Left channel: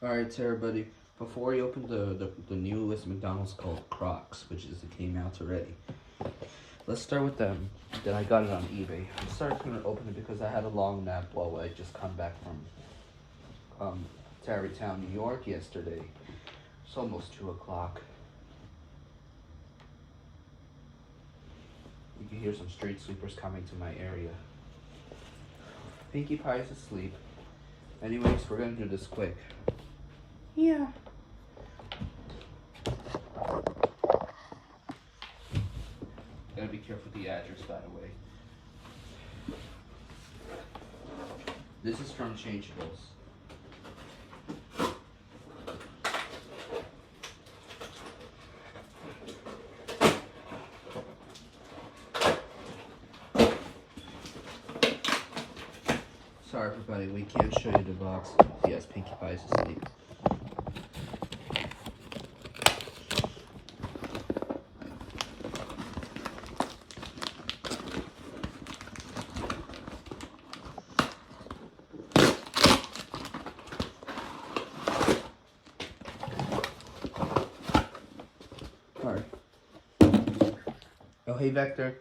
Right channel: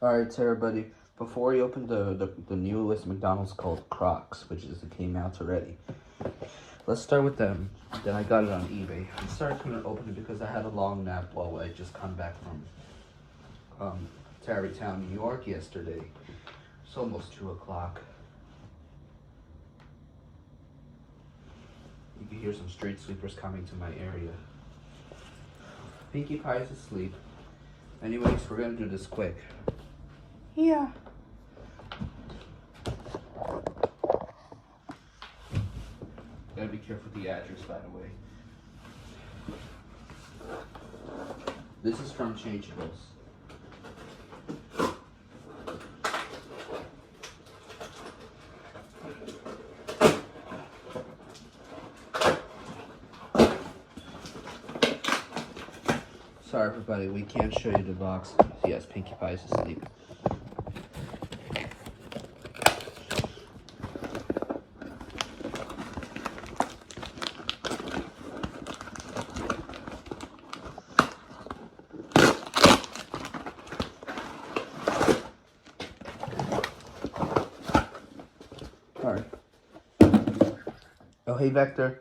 Alright, so everybody, before we open the newest McDonald's called Crocs, which came out already, let's start with them. Then I got it on eBay. I started going to open it because I had a long nap while I just come back from Tarrytown, New York yesterday. It's almost 2 o'clock. You can hear some street sweepers coming to my area. Pinkie Pie is asleep. Anyways, we're going to do this quick. Yeah. Gotta be careful with the address, by the way. This is from Changeables. Sorry, everybody, we can't show you the box. Yes, Pinkie Pie is asleep. Alright. Oh, hey, Vector.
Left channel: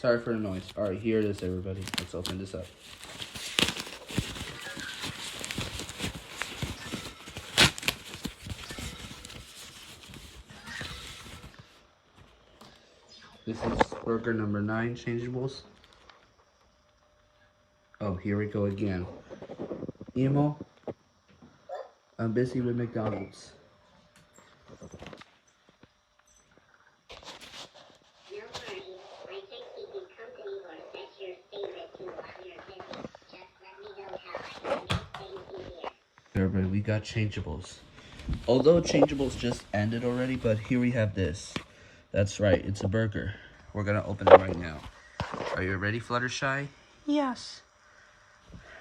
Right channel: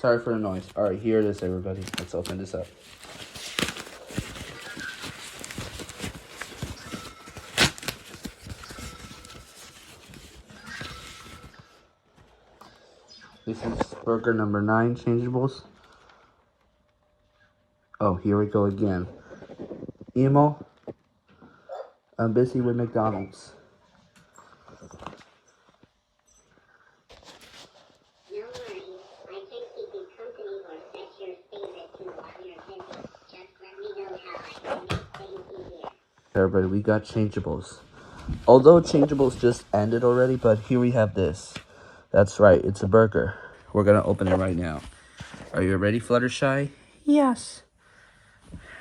Sorry for the noise. Alright, here it is, everybody. Let's open this up. This is burger number 9, Changeables. Oh, here we go again. Emo, I'm busy with McDonald's. No worries. I can keep you company or set your favorite to while you're busy. Just let me know how I can make things easier. Everybody, we got Changeables. Although Changeables just ended already, but here we have this. That's right, it's a burger. We're gonna open it right now. Are you ready, Fluttershy? Yes.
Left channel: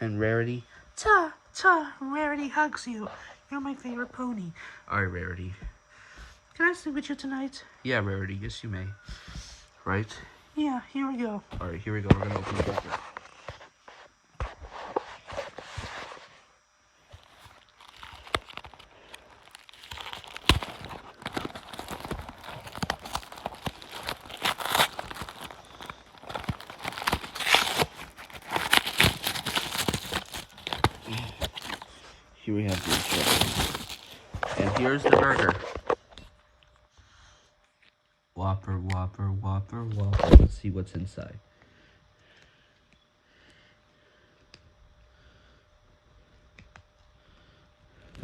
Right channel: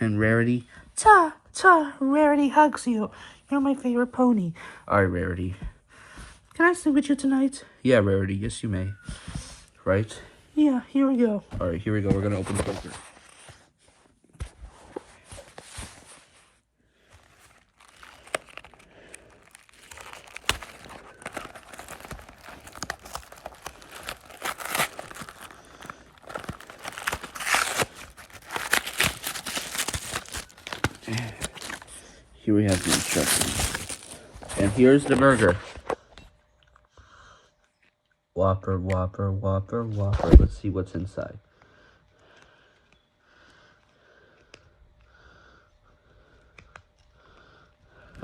And Rarity? Ta, ta, Rarity hugs you. You're my favorite pony. Alright, Rarity. Can I sleep with you tonight? Yeah, Rarity, yes you may. Right? Yeah, here we go. Alright, here we go. We're gonna open the burger. Here we have the instructions. And here's the burger. Whopper, Whopper, Whopper, Whopper. Let's see what's inside.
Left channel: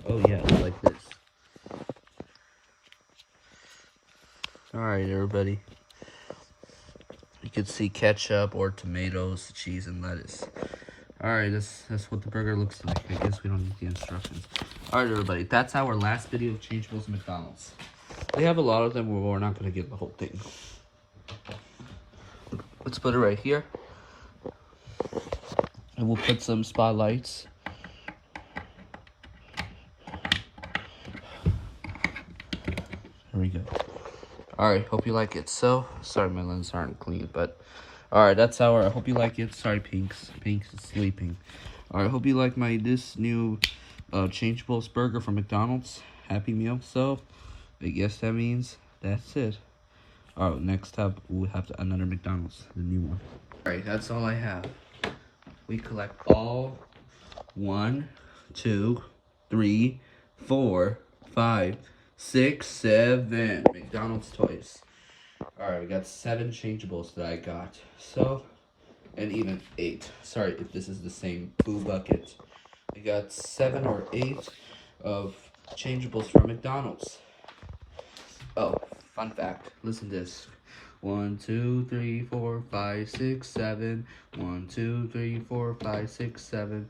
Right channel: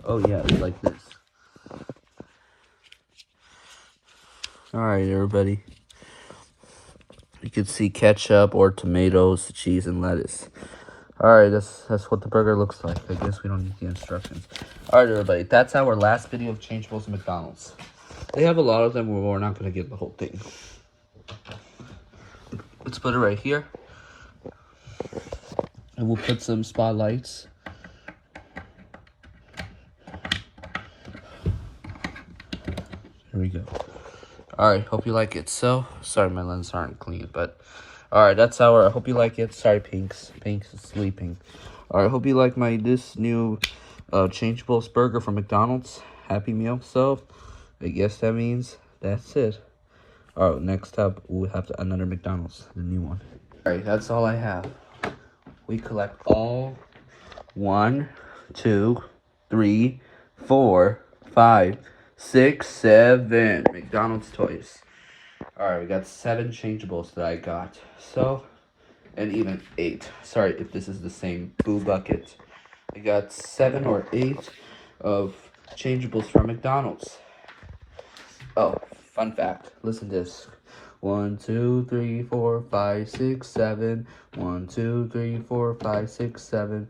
Oh yeah, it's like this. Alright, everybody. You can see ketchup or tomatoes, cheese, and lettuce. Alright, that's what the burger looks like. I guess we don't need the instructions. Alright, everybody. That's our last video of Changeables and McDonald's. They have a lot of them, but we're not going to get the whole thing. Let's put it right here. And we'll put some spotlights. Here we go. Alright, hope you like it. So, sorry my lenses aren't clean, but alright, that's our, I hope you like it. Sorry, Pinks is sleeping. Alright, hope you like this new Changeables burger from McDonald's. Happy Meal. So, I guess that means that's it. Alright, next up, we'll have another McDonald's, the new one. Alright, that's all I have. We collect all 1, 2, 3, 4, 5, 6, 7 McDonald's toys. Alright, we got 7 Changeables that I got. So, and even 8. Sorry if this is the same boo bucket. I got 7 or 8 of Changeables from McDonald's. Oh, fun fact. Listen to this. 1, 2, 3, 4, 5, 6, 7. 1, 2, 3, 4, 5, 6, 7.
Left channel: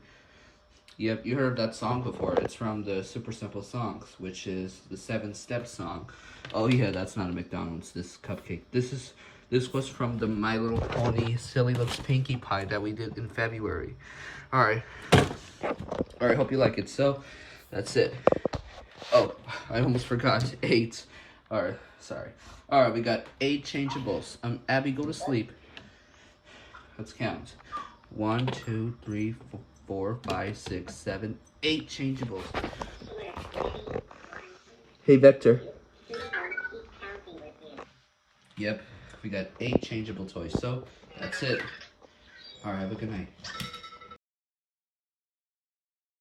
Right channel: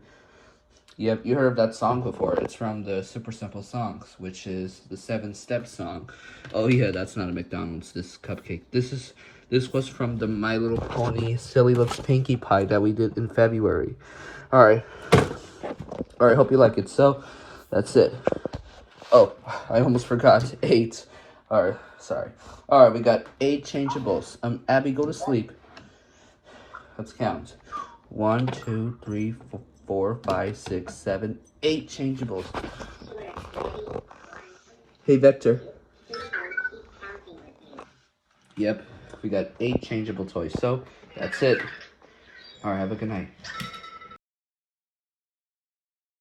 Yep, you heard of that song before. It's from the Super Simple Songs, which is the 7-Step song. Oh yeah, that's not a McDonald's, this cupcake. This was from the My Little Pony Silly Looks Pinkie Pie that we did in February. Alright. Alright, hope you like it. So, that's it. Oh, I almost forgot. 8. Alright, sorry. Alright, we got 8 Changeables. Abby, go to sleep. Let's count. 1, 2, 3, 4, 5, 6, 7, 8 changeables. Hey, Vector. Yep, we got 8 changeable toys. So, that's it. Alright, have a good night.